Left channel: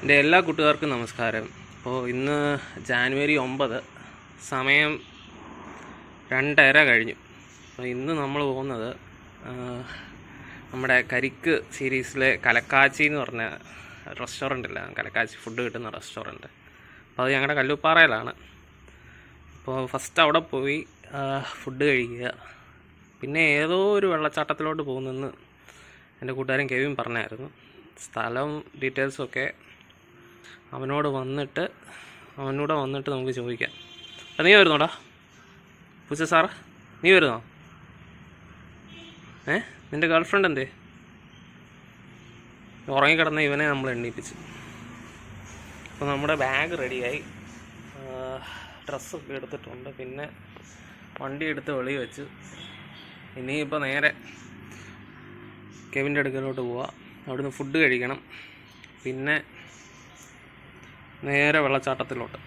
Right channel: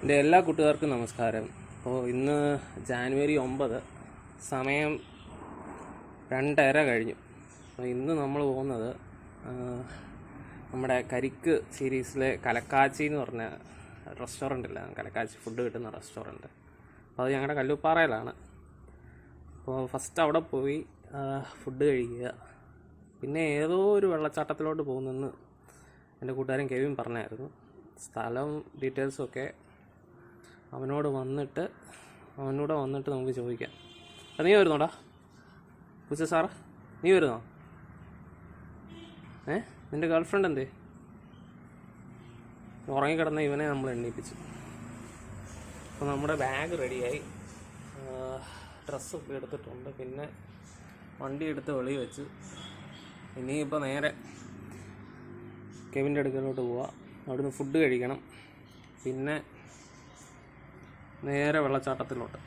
എൻ്റെ എല്ലാ കൂട്ടുകാർക്കും നമസ്കാരം. അപ്പോൾ ഇന്ന് ജാനുവരി 9, സമയം 2:30 കഴിഞ്ഞു. അപ്പോൾ ഇന്ന് നമ്മൾ പോകുന്നത് നമ്മുടെ കരിക്ക് സീരീസിലെ കലക്കാച്ചി എന്ന് പറഞ്ഞ റെസ്റ്റോറൻറ്റില്ല, കലക്കാച്ചി ഫുഡ് കിട്ടുന്ന റെസ്റ്റോറൻറ്റ്. അപ്പോൾ അത് ഞങ്ങളുടെ കല്ലുപ്പാറയിലാണ്. അപ്പോൾ ഫസ്റ്റ് അവിടെ പോയി ഫുഡ് കഴിക്കുക, പിന്നെ ഏതോ ഒരു വെള്ളച്ചാട്ടത്തിലോട്ട് പോകുന്നെന്ന് എൻ്റെ കൂട്ടുകാരൻ കെവിൻ പറഞ്ഞായിരുന്നു. സ്ഥലവും ഡീറ്റെയിൽസൊക്കെ അവനൂടെ വന്നിട്ട് നമുക്ക് ചോദിക്കാം. അപ്പം നീ വരുന്നോടാ പൂച്ച സാറ്? നീ വരുന്നോ? നിൻ്റെ ഗേൾഫ്രണ്ട് എന്തേ? ഉറങ്ങിക്കിടന്ന ഇവനെ നമ്മൾ എണ്ണീപ്പിച്ചു. അപ്പോൾ നമ്മുടെ ബാഗ് റെഡിയായി, ഡ്രസ്സൊക്കെ എടുത്തിട്ടുണ്ട്, പിന്നെ വണ്ടി എടുത്ത് വെളി വെച്ചു. ഇനിയിപ്പോൾ നേരെ കെവിൻ്റെ അടുക്കലോട്ട് പോവാം. അവിടുന്ന് ഫുഡ് കഴിക്കണം, പിന്നെ നേരെ വെള്ളച്ചാട്ടത്തിലോട്ട്.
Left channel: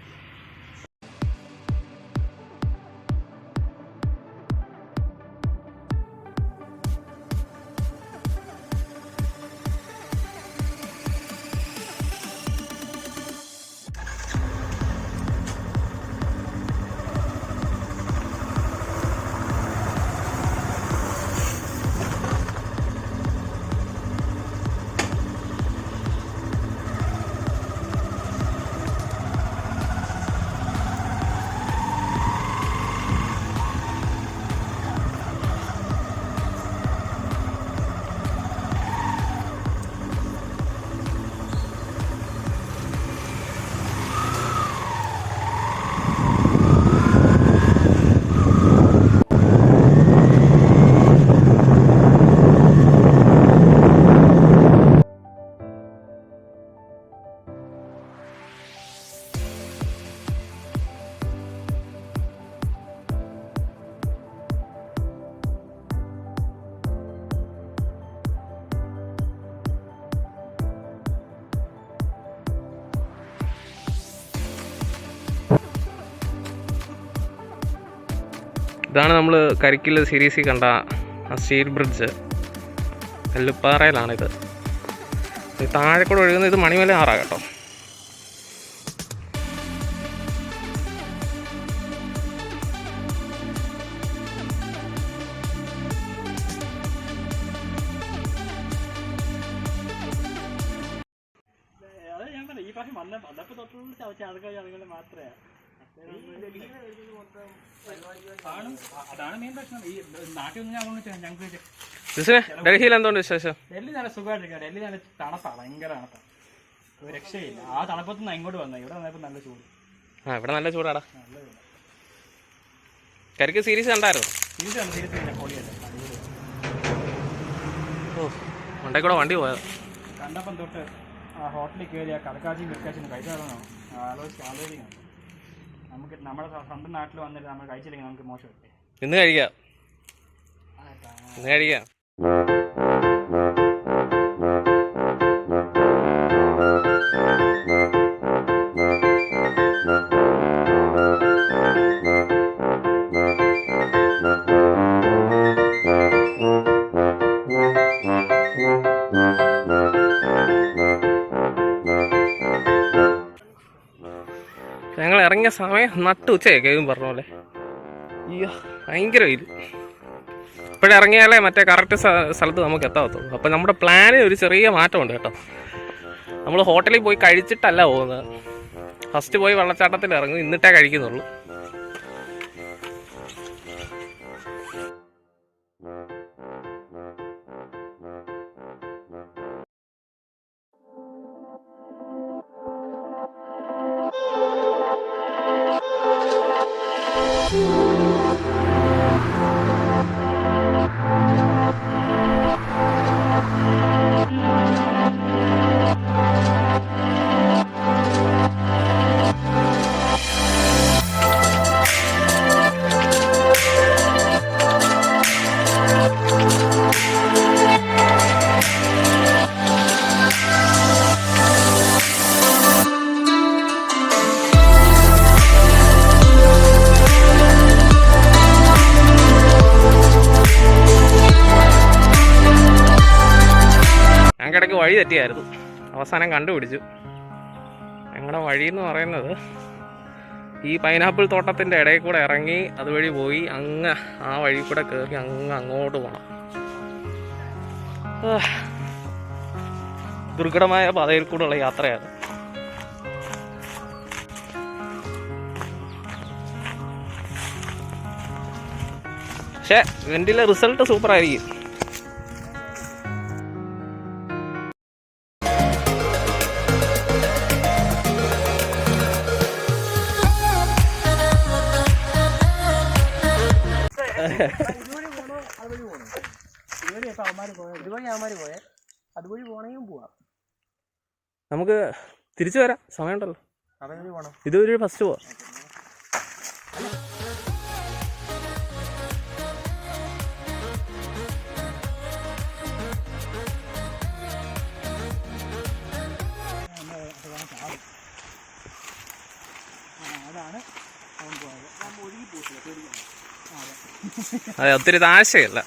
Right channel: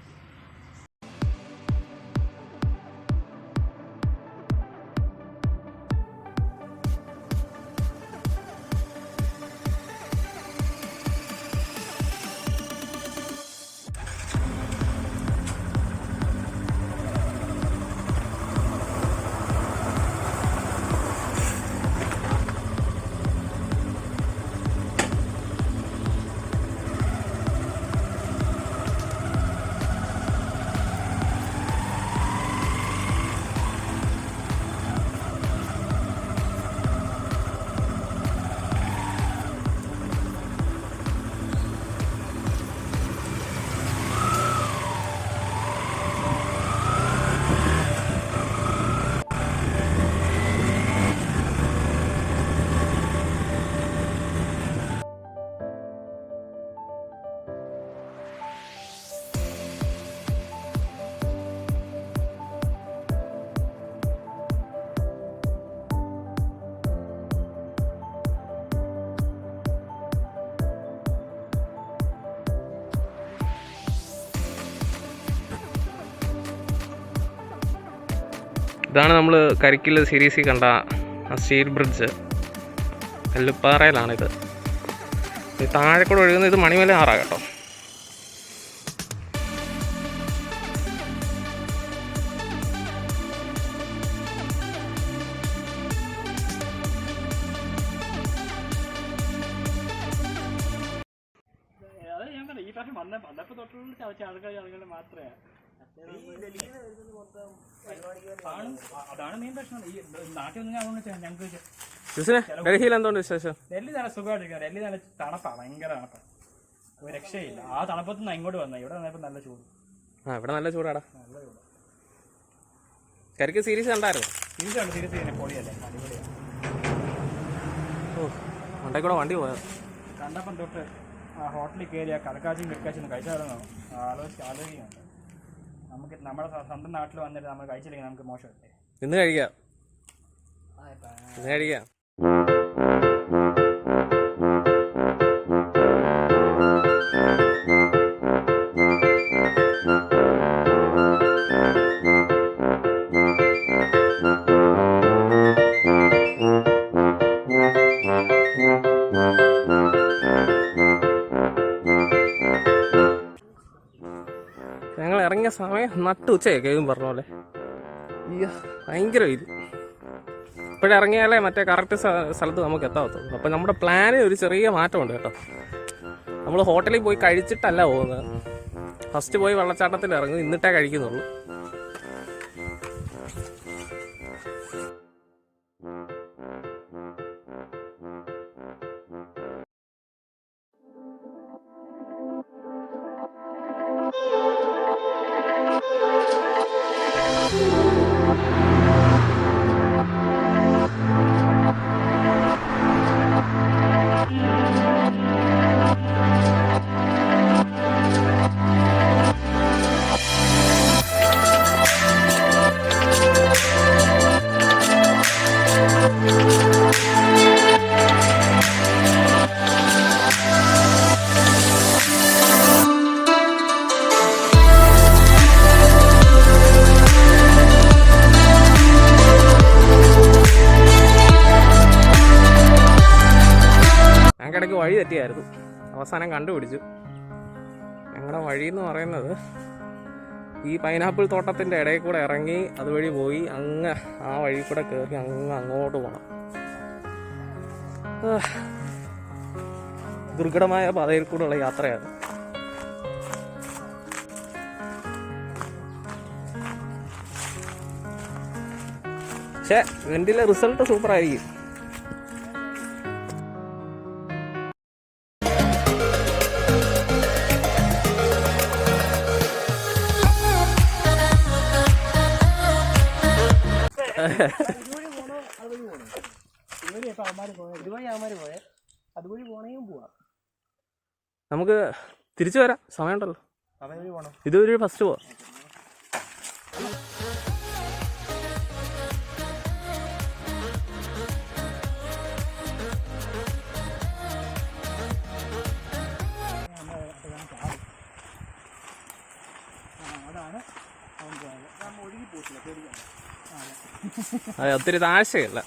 ഇതാണ് നമ്മൾ കരിക്കിൽ സീരീസിൽ കണ്ട ആ സ്റ്റീൽ ബ്രിഡ്ജ്. കല്ലുപ്പാറയിലാണിത്. താഴെ കൂടെ ഒഴുകുന്നത് ഇത് മണിമല ആറാ കേട്ടോ. ഈ പ്രാവശ്യം വന്നപ്പോൾ തൊട്ടുള്ള ആളുകൾ മാത്രമേ അതാണ് മെയിൻ പ്രശ്നം. ഈ നാട്ടിൽ നിന്ന് ഞങ്ങൾക്ക് ഡൽഹിയിൽ എന്തുകൊണ്ട് വിശേഷം? ഡൽഹി നല്ല സുഖമായിട്ടിരിക്കുക. ഡൽഹി നല്ല തണുപ്പാണ്, ഭയങ്കര തണുപ്പാണ്, ഒരു രക്ഷയില്ല. ആ തണുപ്പത്തുനിന്ന് ഇങ്ങോട്ട് വന്നത്, ഇവിടെ വന്നപ്പോൾ നല്ല ചൂട്. ഇവിടെ നല്ല ചൂടാടാ. നല്ല ചൂട്. കരിക്ക് സീരീസ് കണ്ടായിരുന്നു? സീരീസ് പിന്നെ കോളിയല്ലേ, മണ്ടേ കൂടെ വണ്ടി പോയത് കണ്ടപ്പം തൊട്ട് ആ ഹോട്ടലിൽ കയറി ആ കലക്കാച്ചിയും കഴിച്ചായിരുന്നോ ആലോചിക്കുന്നുണ്ട്. നമുക്ക് നമ്മുടെ സ്വന്തം നാട്ടിൽ വന്നിട്ട് നമ്മൾ കഴിച്ചില്ലെങ്കിൽ നമുക്ക് മോശമല്ലേ. ഇന്ന് കഴിക്കാം. ഞങ്ങൾ ഇറങ്ങിയ സമയം നട്ടുച്ചയൊക്കെ പറഞ്ഞ പോലെ. അയ്യോ ഭയങ്കര വെയിൽ. ഇപ്പോഴിറങ്ങിയാലേ മറ്റേ കറക്റ്റ് സ്ഥലത്ത് നമുക്ക് എത്താവത്തുള്ളൂ. അപ്പോൾ നമ്മുടെ പ്ലാനിൽ ഒരു ചെറിയ മാറ്റമുണ്ട് കേട്ടോ. നമ്മൾ ഹോട്ടലിൽ പോയി കഴിച്ചിട്ടല്ല പോകുന്നത്. ഫസ്റ്റ് പോയി വെള്ളച്ചാട്ടത്തിൽ ഇറങ്ങും, എന്നിട്ടേ കഴിക്കുന്നുള്ളൂ. ഞങ്ങൾക്കിടയ്ക്ക് വഴി തെറ്റിയായിരുന്നു, അവസാനം കണ്ടുപിടിച്ചു. ഞങ്ങളുടെ വഴി എന്ന് പറയുന്നത് ഈ പൈനാപ്പിൾ തോട്ടത്തിൻ്റെ ഇടയിൽ കൂടെ ഇറങ്ങി അതുവഴി പോയി അങ്ങ് ആ വഴി കൂടെ കയറി അങ്ങോട്ട് പോകണം. ദുർഘടമായ പാതയിൽ കൂടെയുള്ള യാത്രയാണ്. പക്ഷേ ഇതിൻ്റെ റിസൾട്ട് സൂപ്പറായിരിക്കും. നമുക്ക് തിരിച്ചു വരാം, സമയമുണ്ടല്ലോ. ഇതൊരു ഫസ്റ്റ് പോവാം. അതെ, ഒത്തിരി താഴ്ചയല്ല.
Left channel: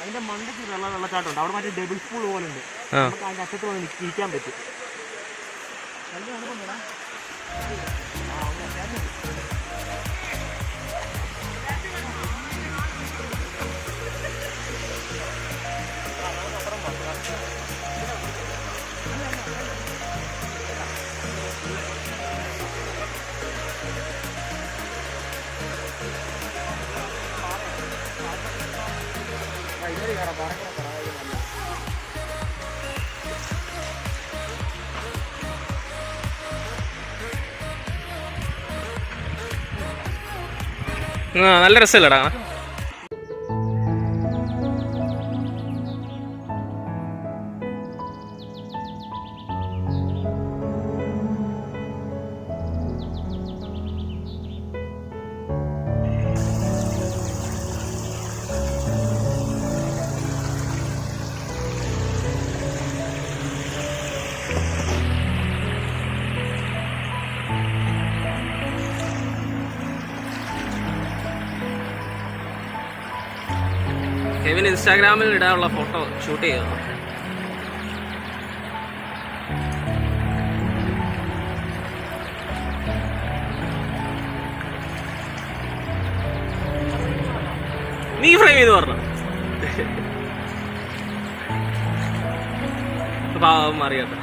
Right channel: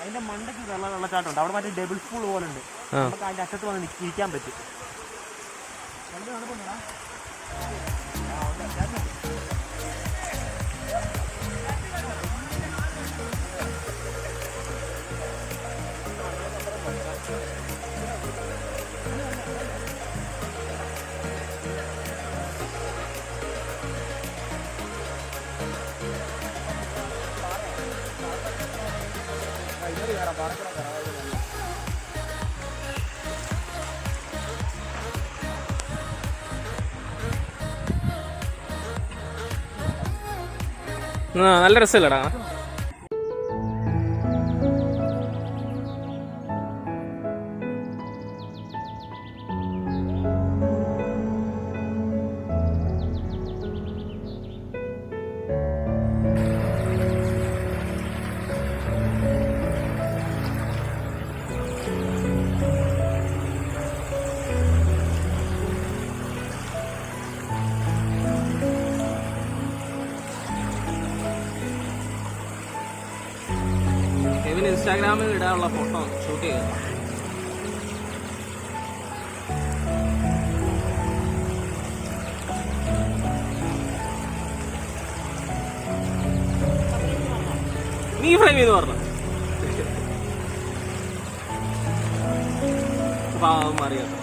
അതിന്റെ മണ്ടയ്ക്ക് വെള്ളച്ചാട്ടമുണ്ട്. അവിടെ മറ്റേ ഡബിൾ സ്പൂൾ പോലെ ഉണ്ട്. നമുക്ക് അതിന്റെ അറ്റത്ത് വന്ന് ഇരിക്കാൻ പറ്റും. നല്ല രസമില്ലടാ. കെവിൻ ഇൻസ്റ്റാഗ്രാമിൽ ഇടാനുള്ള ഫോട്ടോ ഷൂട്ട് ചെയ്യുക. നീ ഫ്രെയിം ചെയ്ത് പറഞ്ഞു. പാവം അറിയാത്ത.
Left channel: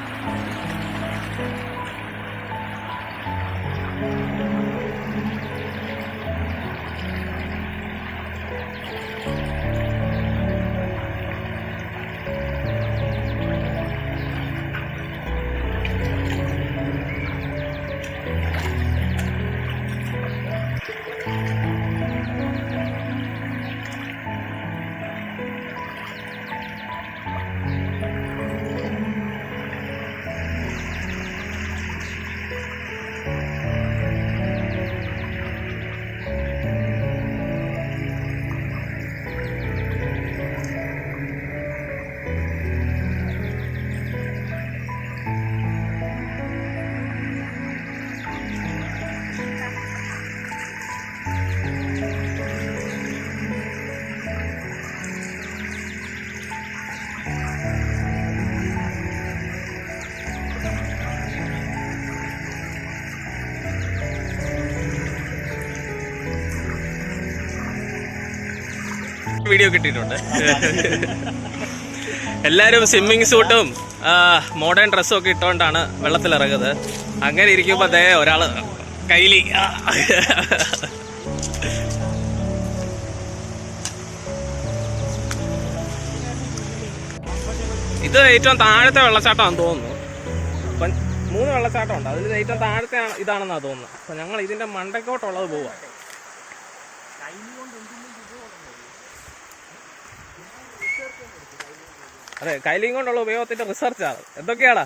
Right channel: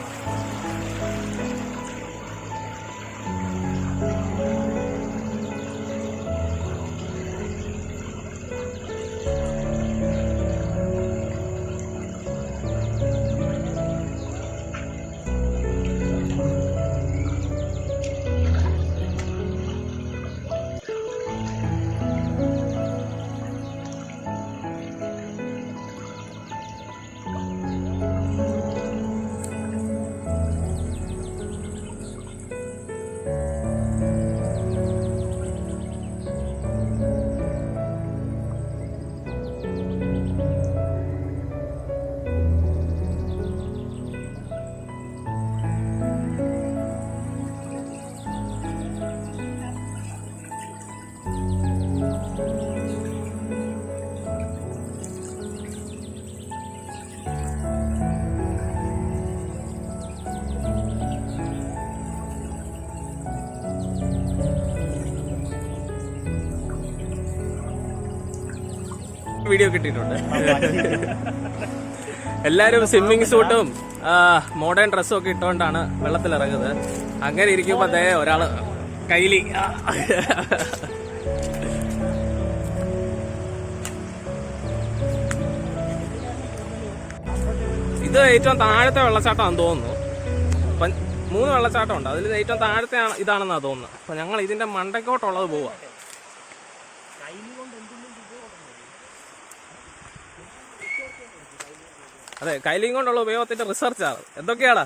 വീഡിയോ കിട്ടിയിട്ടുണ്ട്. എല്ലാവരും സ്വിമ്മിങ് സൂട്ടും മോഡേൺ ഡ്രസ്സും ഒക്കെ ഇട്ടുകൊണ്ടാണ് വെള്ളത്തിലിറങ്ങുന്നത്. അങ്ങനെ ഇരിക്കുമ്പോൾ അതേ ഒരാള് കയ്യില് ഇത് ഏറ്റവും താഴത്തെ വെള്ളച്ചാട്ടമാണെന്ന് തോന്നുന്നു. അപ്പം 3 വെള്ളച്ചാട്ടമുണ്ട്, അതിൽ ഏറ്റവും താഴത്തെ ഇതാണെന്നാണ് തോന്നുന്നത്. അപ്പം ഞങ്ങൾ ഇതിൻ്റെ മണ്ടക്കോട്ടുള്ളത് പോവാം. അതെ, കൈലിയും കൊണ്ടുള്ള ഉപയോഗത്തിന്റെ റിസർച്ചാണ്. എന്തൊക്കെയാടാ?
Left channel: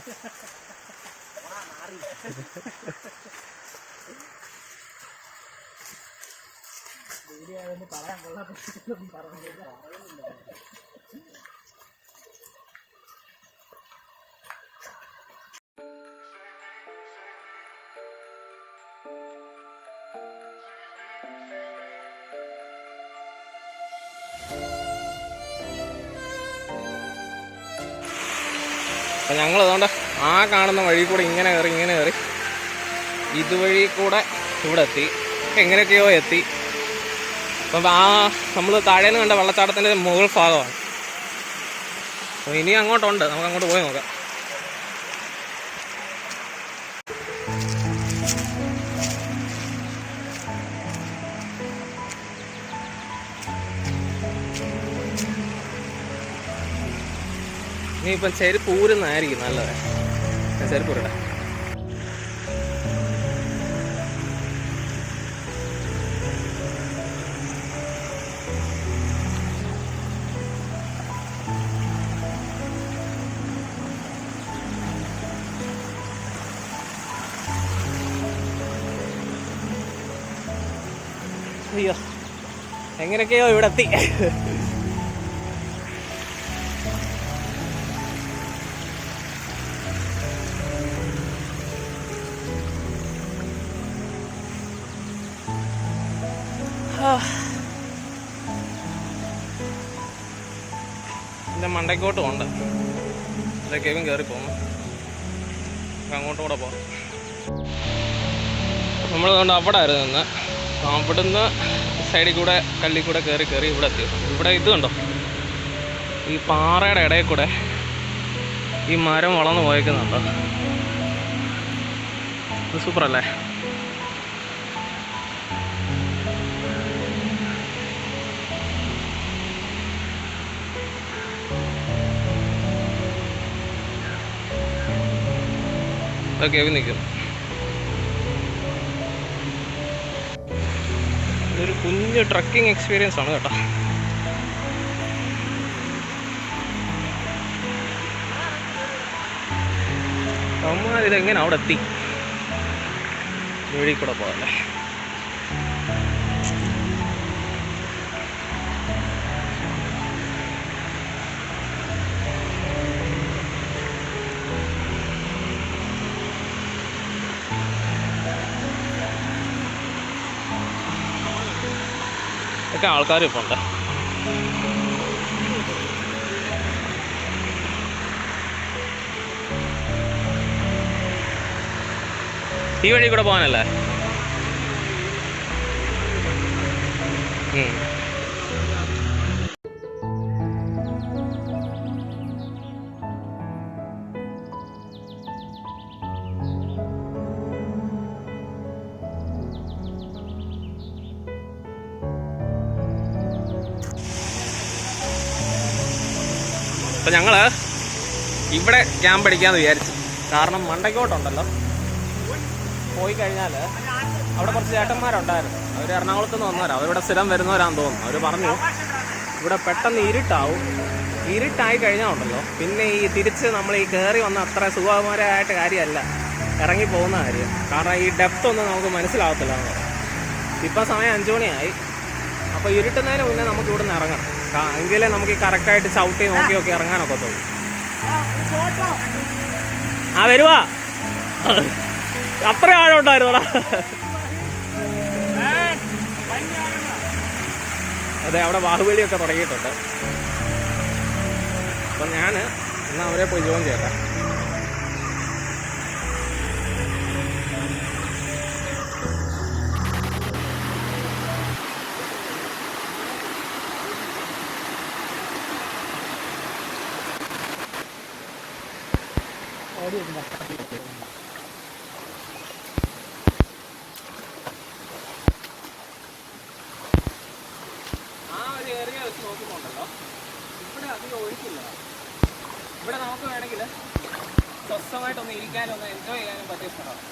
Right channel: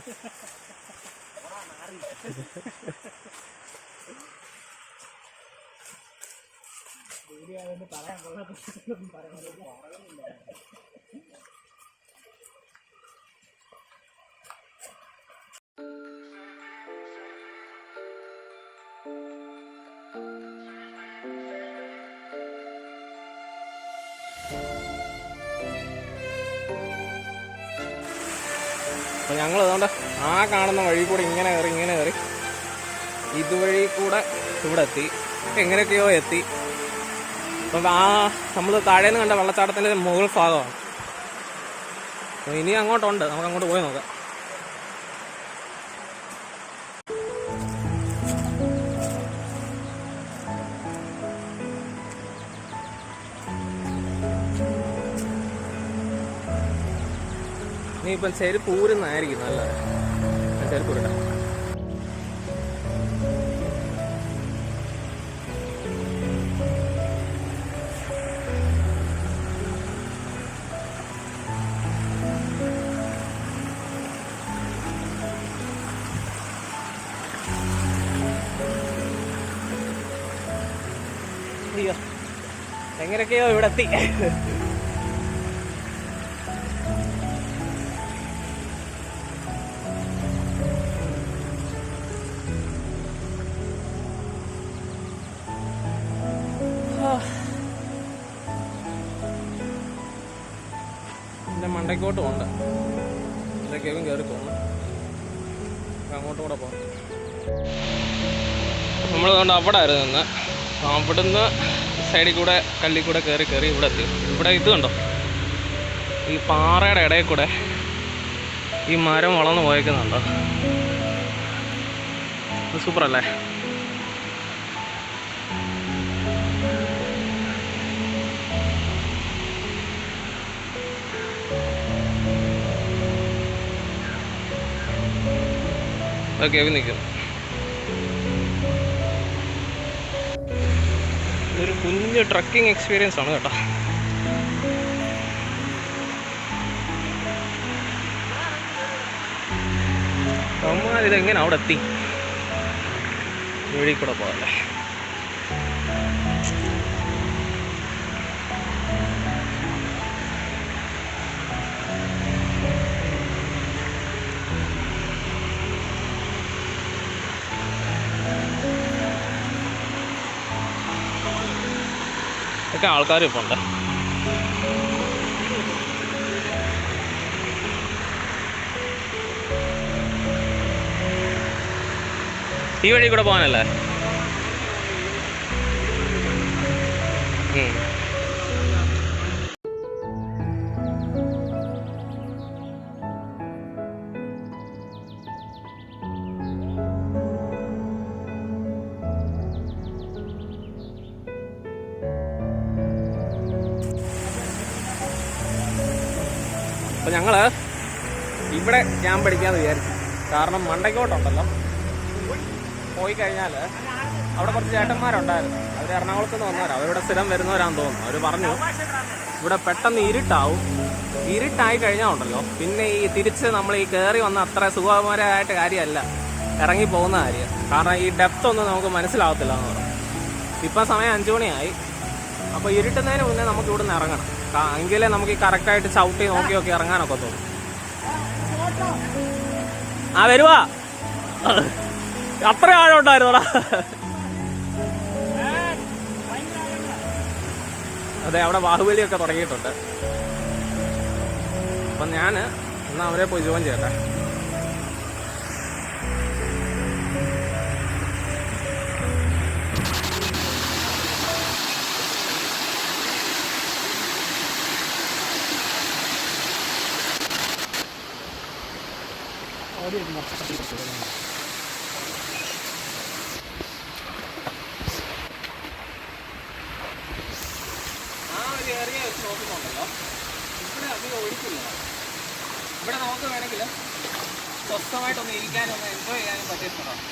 അപ്പോൾ ഞങ്ങൾ അതുകൊണ്ട് ആ കാണുന്ന വഴി കൂടെ ഇങ്ങനെ കയറി ഇതുവഴി കൂടെ ഇവിടെ എത്തി, എങ്ങനെയൊക്കെയോ എത്തി. അപ്പം ആ നമ്മൾ താഴേന്ന് കണ്ട വെള്ളച്ചാട്ടത്തിൻ്റെ മുകൾ ഭാഗമാണ്. അപ്പോൾ ഇനി അങ്ങോട്ടുണ്ട്, നമുക്ക് അങ്ങോട്ട് പോയി നോക്കാം. ഇനിയിപ്പം ചെരുപ്പ് ഊരുന്നതായിരിക്കും നല്ലത്. ചെരുപ്പ് ഊരട്ടെ. അയ്യോ, എങ്ങനെയൊക്കെയോ ഇവിടെ എത്തി. എൻ്റെ മണ്ടയ്ക്കോട്ട് പോകണ്ട, ഇതൊക്കെയും കയറി പോകുന്നു. അങ്ങോട്ടും കൂടെ പോകാം. നമ്മൾ കൊണ്ട് അവിടെ ആയിരുന്നു നിന്ന്, അവിടുന്ന് സൈഡിൽ കൂടെ കല്ലിൽ കൂടെ കയറി ഇവിടെ എത്തി. ഇവിടെ ഇത് കണ്ടോ, ഈ പാറയുടെ ഇടയിൽ കൂടെ ഈ മരം വളർന്നു പോയേക്കുന്നുണ്ടോ? ഇത് സൂപ്പറല്ലേ? ഓക്കെ, നിൽക്കുന്നു. ഇതൊരു കുഞ്ഞ് ട്രക്കിംഗ് എക്സ്പീരിയൻസ് ആണ് കേട്ടോ. അമ്മ ഇതെങ്ങനെ അവിടെ എത്തി? വഴി കൂടെ പോകല്ലേ? ഒക്കെ ആൾക്കാർ ഇപ്പോൾ ഉണ്ട്. ഈ വഴി കൂടെ പോകാനല്ലേ? അപ്പം ഞങ്ങൾ ഇവിടെ ക്യാമ്പ് അടിക്കാമെന്ന് വിചാരിച്ചു. കാരണം മണ്ടയ്ക്കോട്ടുണ്ടല്ലോ, പോയി കഴിഞ്ഞാൽ അവിടെ കുറച്ച് ചേട്ടന്മാരുണ്ടായിരുന്നു. അവർ എറണാകുളത്ത് നിന്ന് വന്നവരാണ്, അവരിവിടെ സ്ഥിരം വരുന്നവരാണെന്ന് തോന്നുന്നു. അവർ പറഞ്ഞു ഇവിടെ പെട്ടെന്ന് ഇരുട്ടായി കഴിഞ്ഞാൽ ഉണ്ടല്ലോ, പിന്നെ ഈ തിരിച്ച് നമ്മൾ ഈ കയറി വന്ന അത്ര സുഖകരമായിട്ട് കാര്യമല്ല ഇറങ്ങി പോകുന്ന കാര്യം. കാരണം ഈ ഡെപ്ത് ഒന്നും നമുക്ക് മനസ്സിലാവത്തില്ല എന്ന് പറഞ്ഞു. ഇപ്പം സമയം 5 മണിയായി. അപ്പോൾ ഇരുട്ടുന്നതിന് മുന്നേ നമുക്ക് ഇവിടെ നിന്ന് ഇറങ്ങണം, എങ്കിലേ നമുക്ക് ഈ കറക്റ്റായിട്ട് ചവിട്ടി നോക്കി ഇറങ്ങാനൊക്കെ തോന്നും. ആ വരുവാ, അത്ര ആഴമുണ്ടായിരുന്നോടാ. അതെ, അവിടെ ബാഹുബലിയൊക്കെ തുടങ്ങിയിട്ടുണ്ട്. അപ്പം ഞാൻ എന്നാൽ അവരെ പോയി ജോയിൻ ചെയ്യട്ടെ. ആ ഒരു ഏരിയ വെച്ച് നോക്കുന്നുണ്ടല്ലോ, ഇവിടെ അധികം ഒഴുക്കില്ല. ഇവിടെ നമുക്ക് വേണമെങ്കിൽ സ്വസ്ഥമായിട്ടൊന്ന് ഇരിക്കാനും ഒന്ന് എൻജോയ് ചെയ്യാനും പറ്റിയ സ്ഥലമാണ്.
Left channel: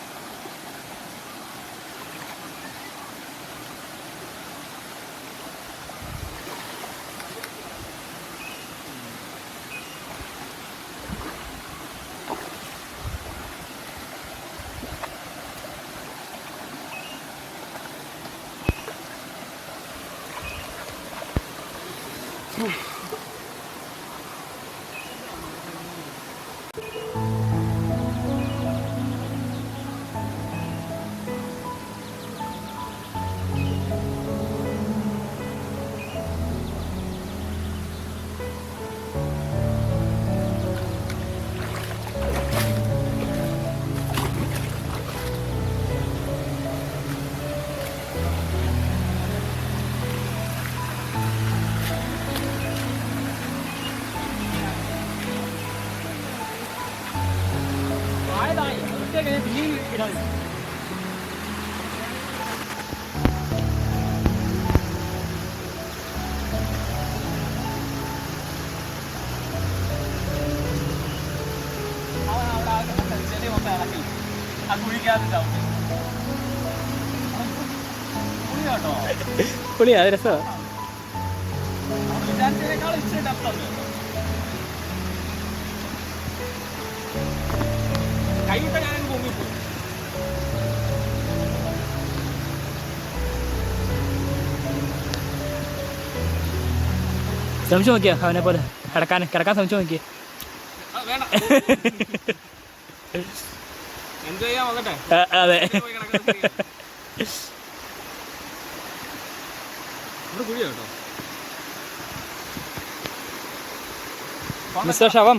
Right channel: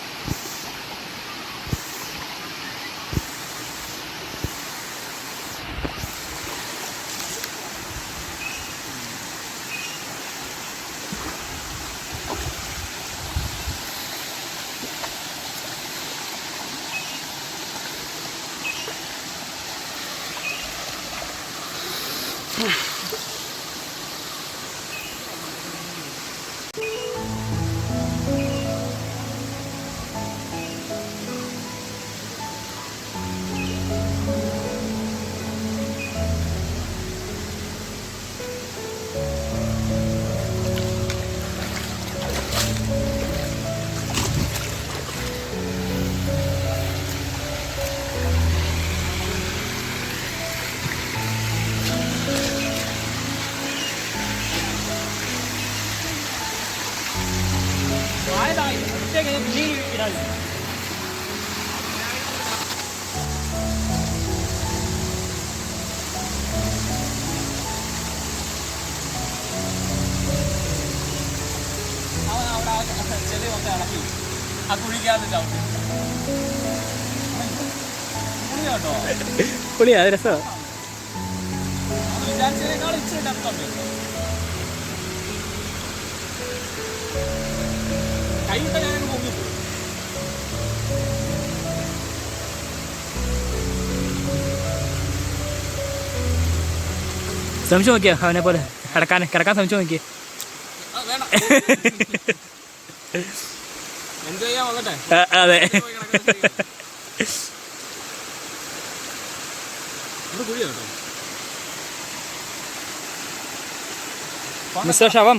കഴിഞ്ഞാൽ പിന്നെയും ഇടാൻ അവിടെ ചെളി കൊണ്ട് ഇളക്കി ആ കുഴിക്കാതെ ചവിട്ടി പുളിയാട്ടോ പുളിയാ രസമാണ് നമ്മൾ വിചാരിച്ചതിനേക്കാൾ ഇച്ചിരി ഡെപ്തുണ്ട് കേട്ടോ കൈയിട്ട ഞാനങ്ങ് പൊങ്ങിപ്പോയി ശ്രമിച്ചു നോക്കിയോ അവനെ പോലെ കിടക്കാൻ ശ്രമിച്ചു നോക്കിയേ വേണ്ട എൻജോയ് ചെയ്യാൻ വന്നിട്ടെ അതെ ഇവിടെ കുഴിയാ കേട്ടോ മിസ്റ്റർ ശവം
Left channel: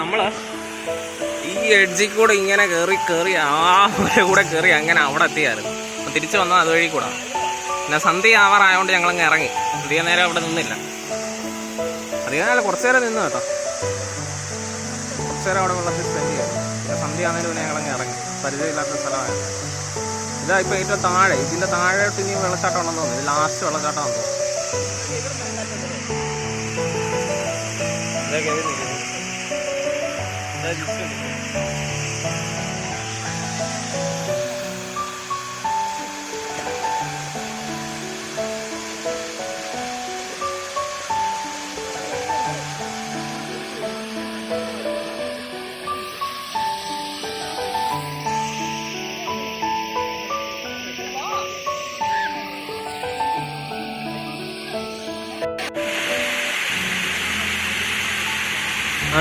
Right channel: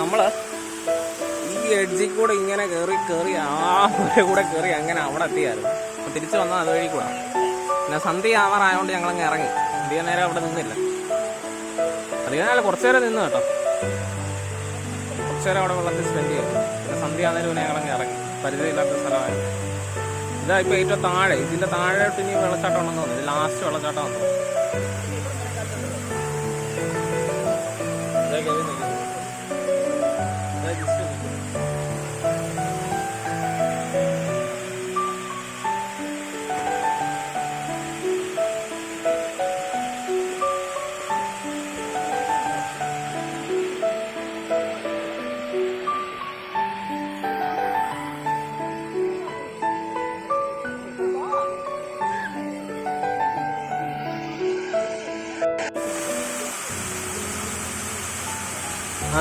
നമ്മൾ ഈ എഡ്ജിൽ കൂടെ ഇങ്ങനെ കയറി ആ ഒരു കൂടെ കയറി അങ്ങനെ അവിടെ എത്തിയായിരുന്നു. അപ്പം തിരിച്ച് വന്നാൽ അതുവഴി കൂടെ. പിന്നെ സന്ധ്യ ആവാറായതുകൊണ്ട് ഞങ്ങളങ്ങ് ഇറങ്ങി. അധികം നേരം അവിടെ നിന്നില്ല. അധികം നേരം കുറച്ച് നേരം നിന്ന് കേട്ടോ. കുറച്ച് നേരം അവിടെ വെള്ളത്തിൽ സ്പെൻഡ് ചെയ്തു. പിന്നെ സന്ധ്യ ആകുന്നതിന് പിന്നെ ഞങ്ങളങ്ങ് ഇറങ്ങി. പരിചയമില്ലാത്ത സ്ഥലമായിരുന്നു. ഇതാ ഇപ്പോൾ ഏറ്റവും താഴെ, ഇതിൻ്റെ താഴോട്ട് ഇനി വെള്ളച്ചാട്ടം ഉണ്ടെന്ന് തോന്നുന്നു. ഇത് ലാസ്റ്റ് വെള്ളച്ചാട്ടമാണെന്ന് തോന്നുന്നു. ഇതൊക്കെ നിൽക്കുന്നത്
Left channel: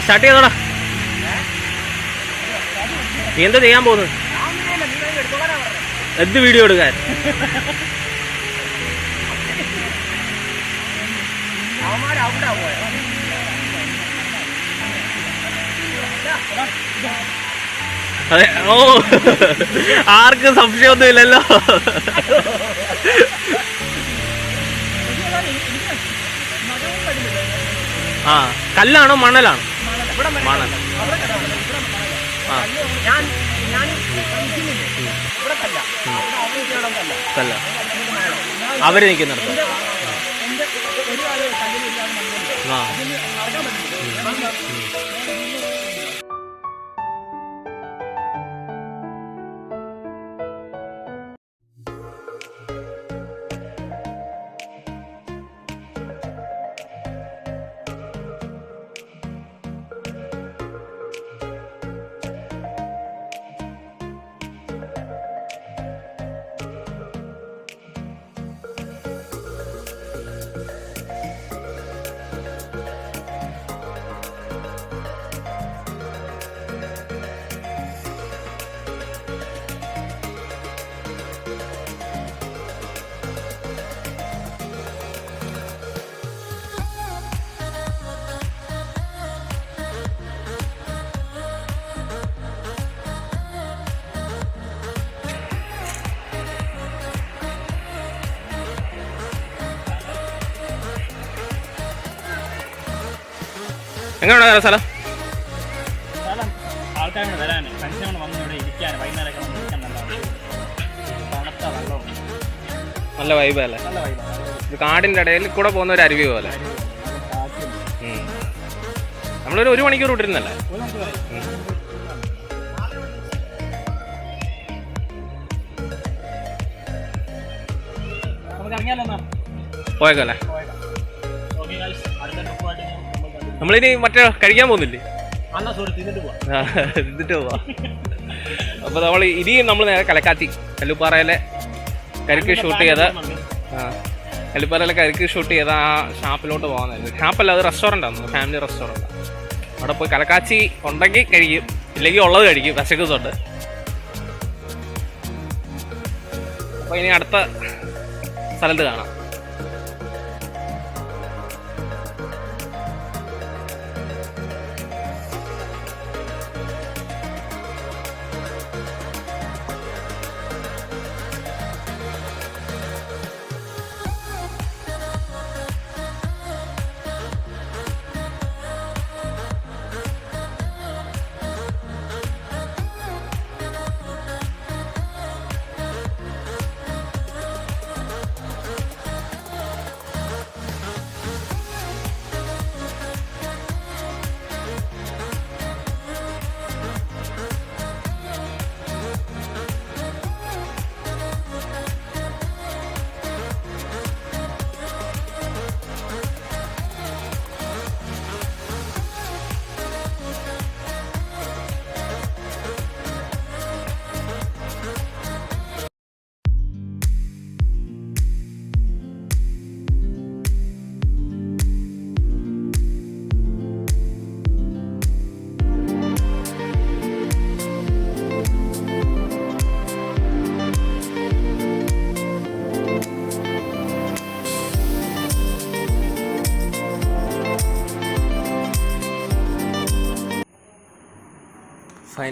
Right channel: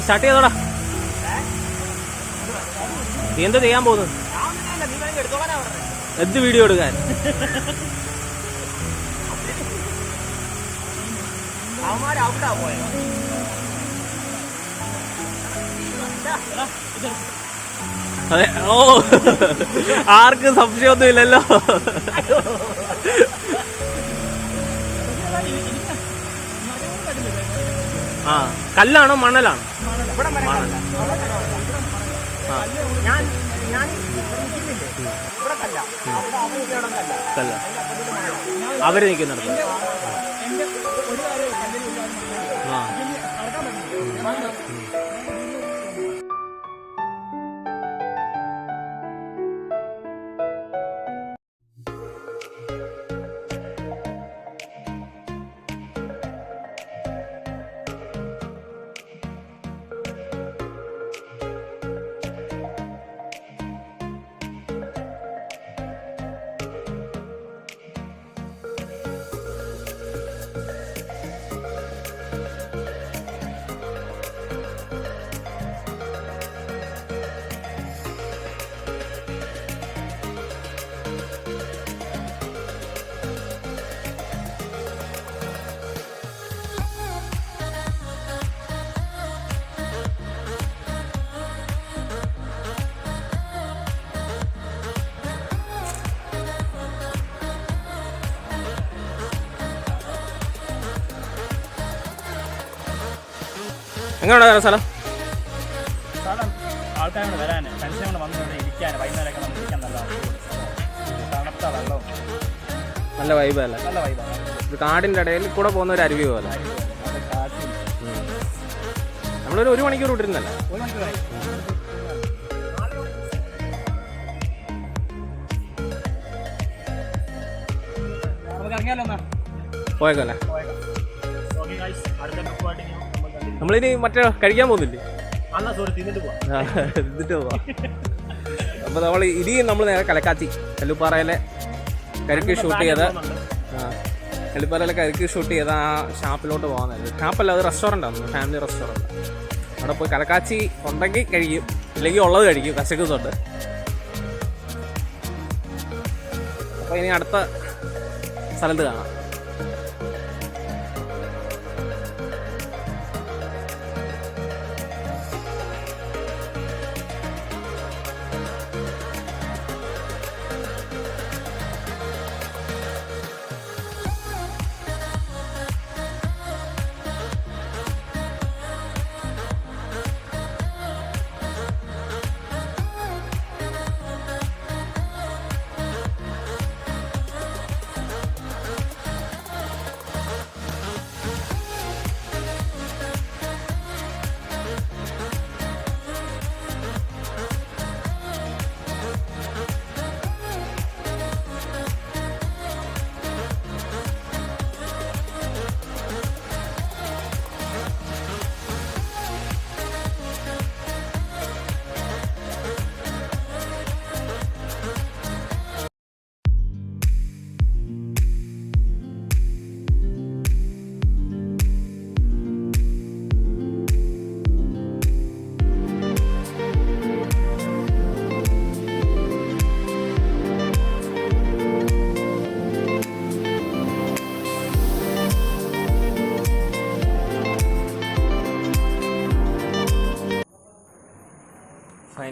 സ്റ്റാർട്ട് ചെയ്തോടാ. നീ എന്താ ചെയ്യാൻ പോകുന്നത്? എന്ത് വീഡിയോ എടുക്കാൻ? അതെ. ഓ, ആർക്കും സംശയമൊന്നും ഇല്ലല്ലോ. ആ, കല്ലാണോ മണലാണോ? മണൽ. ആ, കല്ല അവര് നിൽക്കുന്നിടത്ത്. ആ, എങ്ങനെയാണ് സ്ഥലം? ആൾക്കാരോട് വരാൻ ഫ്രണ്ട്സിനോട് വന്ന് ഇവിടെ ഇരിക്കാൻ വൈകുന്നേരമൊക്കെ വന്ന് ഇരിക്കാൻ നല്ല തണുത്ത വെള്ളവും നല്ല വൈബല്ലേ? നല്ല വൈബാണ്. ഇത് കാടിൻ്റെ ഇടയിൽ കൂടെ പോകുന്ന ഒരു അരുവി പോലെ. നമ്മളൊരു 1 മണിക്കൂർ വിട്ടിരുന്നല്ലേ? നമുക്ക് ഇറങ്ങിയാലോ എന്നാ? പോയേക്കല്ലേ? നമ്മളിനി മറ്റേ കഴിക്കാൻ പോകുന്നില്ലേ? തിന്നിട്ട് പോവാ. അപ്പോൾ നമ്മൾ ഇനിയും നമ്മൾ നേരെ കലക്കാച്ചി കല്ലുപ്പാറയിലെ കരിക്ക് ഷൂട്ട് ചെയ്ത് കല്ലുപ്പാറയിലെ കരിക്ക് ഷൂട്ട് ചെയ്ത് ആ ഷാപ്പിലോട്ട് പോകുന്നതായിരുന്നു. ഷാപ്പല്ല, അത് റെസ്റ്റോറൻ്റാണ്, ഫാമിലി റെസ്റ്റോറൻ്റ്. അവിടെ പോയി കലക്കാച്ചി ഉണ്ടെങ്കിൽ കഴിക്കും, ഇല്ലെങ്കിൽ ഉള്ളത് കഴിക്കും. വിശക്കുന്നുണ്ട്. അപ്പോൾ ഇനി അടുത്ത സ്ഥലത്ത് കാണാം.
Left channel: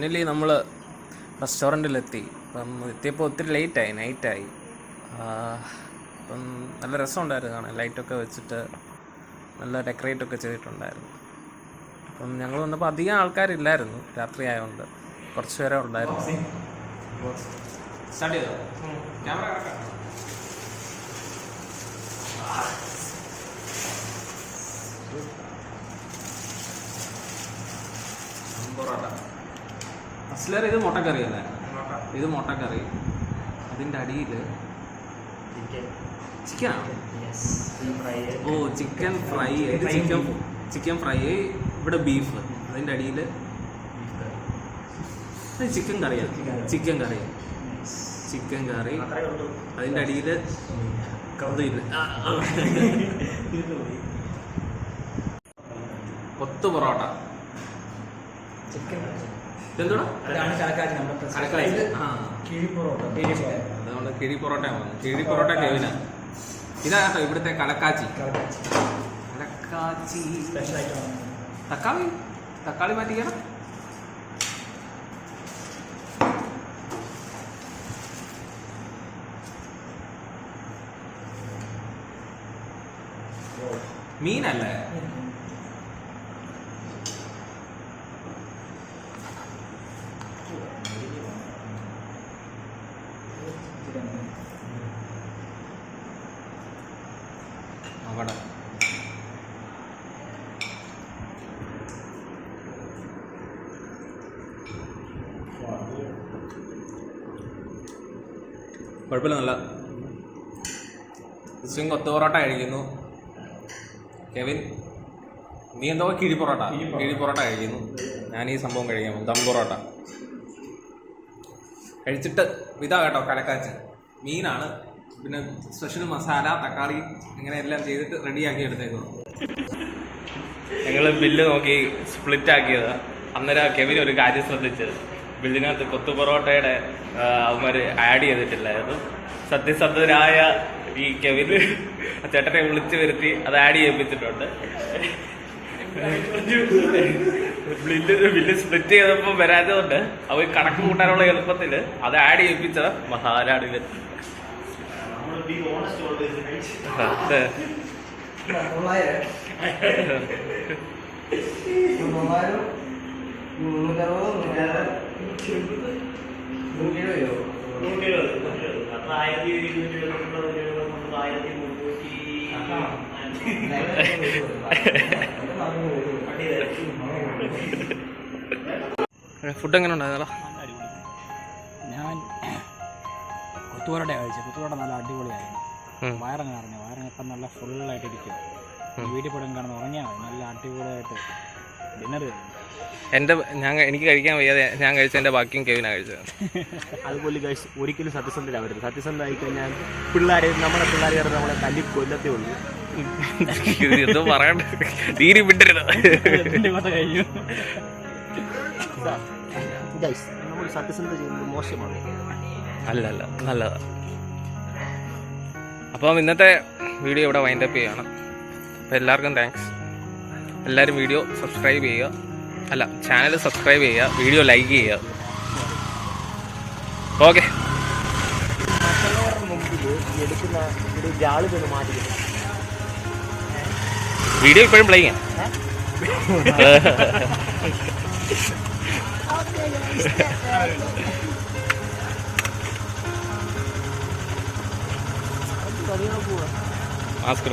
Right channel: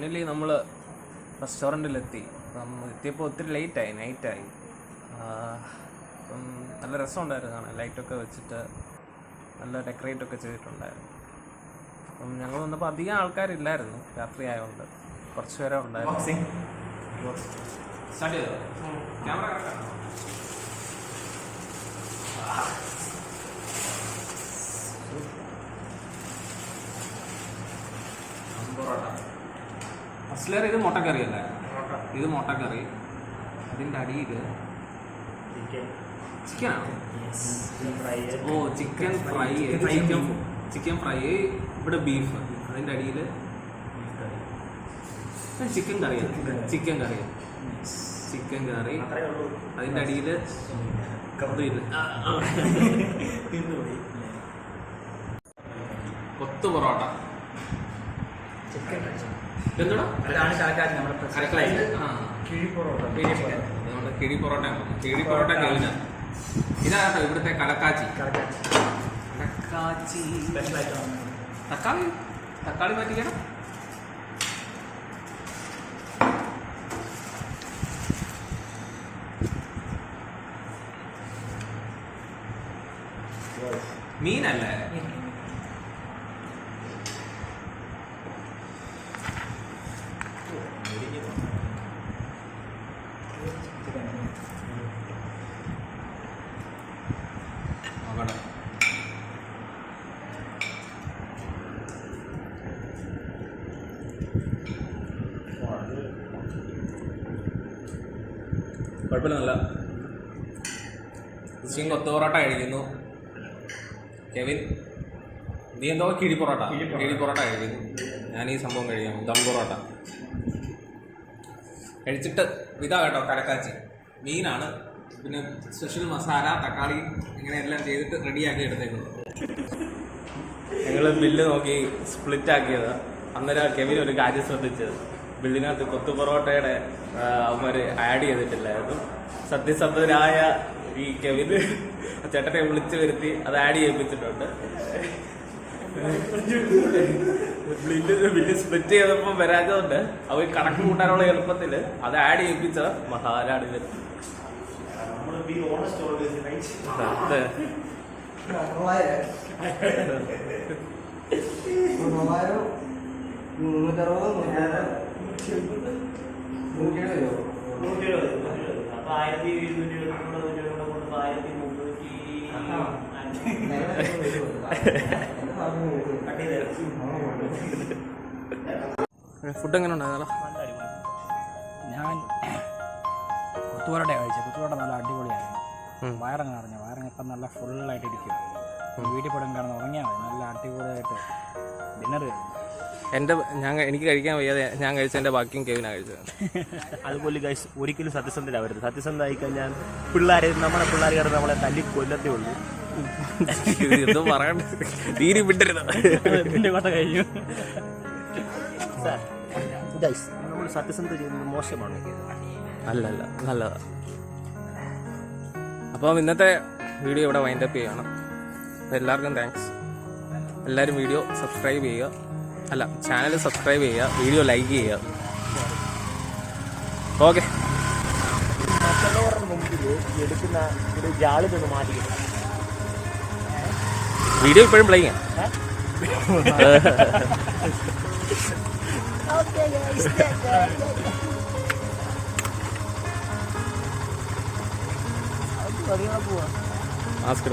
ഫൈനലി നമ്മൾ റെസ്റ്റോറൻറ്റിലെത്തി. അപ്പം എത്തിയപ്പോൾ ഒത്തിരി ലേറ്റായി, നൈറ്റായി. അപ്പം നല്ല രസമുണ്ടായിരുന്നു കാണാൻ. ലൈറ്റൊക്കെ വെച്ചിട്ട് നല്ല ഡെക്കറേറ്റൊക്കെ ചെയ്തിട്ടുണ്ടായിരുന്നു. അപ്പം ഞങ്ങൾ വന്നപ്പോൾ അധികം ആൾക്കാരില്ലായിരുന്നു, രാത്രി ആയതുകൊണ്ട് കുറച്ച് പേരെ ഉണ്ടായിരുന്നു. സ്റ്റാർട്ട് ചെയ്തോ? ക്യാമറ കറക്റ്റാണോ? പൊറോട്ട അസ്ലർ, ഇത് മുട്ടക്കറി അല്ലേ? ഇത് മുട്ടക്കറി. അതിൻ്റെ അടിയിൽ ചിക്കനാണ്. ഓ, ചിക്കൻ ഫ്രൈ. Chicken fry. ഇവിടെ ബീഫ്. അതിൻ്റെ അടിയിൽ ചിക്കൻ കറിയാണ്. ചിക്കൻ കറി. അതിൻ്റെ അടിയിൽ കൊത്തു പൊറോട്ട. എന്തുവാ? കലക്കാച്ചി. അതുകൊണ്ട് കിഴി പൊറോട്ട വന്നു. കിഴി പൊറോട്ട കെവിനാ. ഇതാ കേട്ടോ ഇവിടുത്തെ കലക്കാച്ചി. തക്കാളി മാറ്റിക്കണം. മീനല്ലേ? നോക്കട്ടെ. കുഴപ്പമില്ല, നല്ല കൊത്തു പൊറോട്ട കഴിക്കുന്നു. കെവിൻ, നീ എന്തോ കിഴി പൊറോട്ട കഴിക്കുന്നു. ഞാൻ ഈ സംഭവം കഴിക്കാം, ദം പൊറോട്ട കഴിച്ചിട്ട്. ഇതാ കേട്ടോ കലക്കാച്ചി. മീനാണ്, പിന്നെ സ്പെഷ്യൽ മസാല, തക്കാളി, ഇങ്ങനെ എല്ലാം ചെയ്തിട്ട് റെഡിയാക്കി എടുത്തേക്കുന്നു. ഞങ്ങൾ ബില്ല് നോക്കി സ്പ്ലിറ്റ് ആക്കിയതാ. അന്നേരം കെവിൻ ഒരു കാര്യം ശ്രദ്ധിച്ചത്, ബില്ലിനകത്ത് കൊത്തു പൊറോട്ടയുടെ അവന്മാർ ആഡ് ചെയ്തിട്ടില്ലായിരുന്നു. സത്യസന്ധരായ ഈ കെവിന് ചേട്ടനെ വിളിച്ചു വരുത്തി അത് ആഡ് ചെയ്യിപ്പിച്ചിട്ടുണ്ട്. ബില്ല് സ്പ്ലിറ്റ് ചെയ്തപ്പോൾ വരാത്തതുകൊണ്ട് അവർ കണക്ക് കൂട്ടാനുള്ള എളുപ്പത്തിൽ അത് ആഡ് ചെയ്യിപ്പിച്ച മസാലയാണ് ഇത്. ഫുഡ് എങ്ങനെ ഉണ്ടായിരുന്നോ? ഞാൻ കൊത്തുപൊറോട്ട കഴിച്ചു. കൊത്തുപൊറോട്ട നല്ല അടിപൊളിയായിരുന്നു. വയറങ്ങ് അറിഞ്ഞു. വയറങ്ങിപ്പം നല്ല ഫുള്ളായിട്ട് ഇരിക്കും. വീട്ടിൽ പോലും കിടന്ന് ഉറങ്ങിയാൽ മതി. നല്ല അടിപൊളിയായിട്ട് ഡിന്നർ കഴിഞ്ഞു. എനിക്ക് കഴിക്കാൻ വയ്യാതെ ഞാൻ കഴിച്ചതിൻ്റെ ബാക്കിയും കെവിനാണ് കഴിച്ചത്. അതുപോലെ ഗൈസ്, ഒരിക്കലും സത്യസന്ധരാവരുത്. സത്യസന്ധമായി കഴിഞ്ഞാൽ നമ്മുടെ പിള്ളേർ നമ്മളെ തല്ലി കൊല്ലത്തേ ഉള്ളൂ. എന്തോ പറയണ്ട, തീരെ വിട്ടരുത്. കഴിഞ്ഞു. ഗൈസ്, നമ്മൾ സത്യസന്ധത ചെയ്യുന്നത് മോശമാണ്. അല്ല, നല്ലതാ. അപ്പം ഇന്നത്തെ വീഡിയോ ഇവിടെ വൈൻഡപ്പ് ചെയ്യണം. അപ്പോൾ എല്ലാവർക്കും താങ്ക്സ്. എല്ലാവരും വീഡിയോ സബ്സ്ക്രൈബ് ചെയ്യുക. ചാനൽ സബ്സ്ക്രൈബ് ചെയ്യുക, വീഡിയോ ലൈക്ക് ചെയ്യുക. ഓക്കെ. മറ്റുള്ളവരുടെ മുമ്പിൽ എടുക്കുന്ന ഒരു ജാളിതൊന്ന് മാറ്റിക്കുന്നു. വീഡിയോ ഇപ്പോഴും പ്ലേ ചെയ്യാം. മാസ്ക്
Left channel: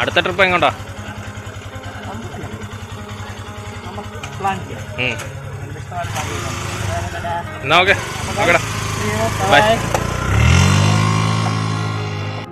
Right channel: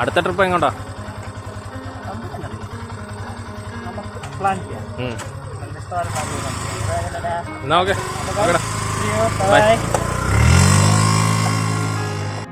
അടുത്ത ട്രിപ്പ് എങ്ങോട്ടാ? എന്നാ ഓക്കെ. ബൈ.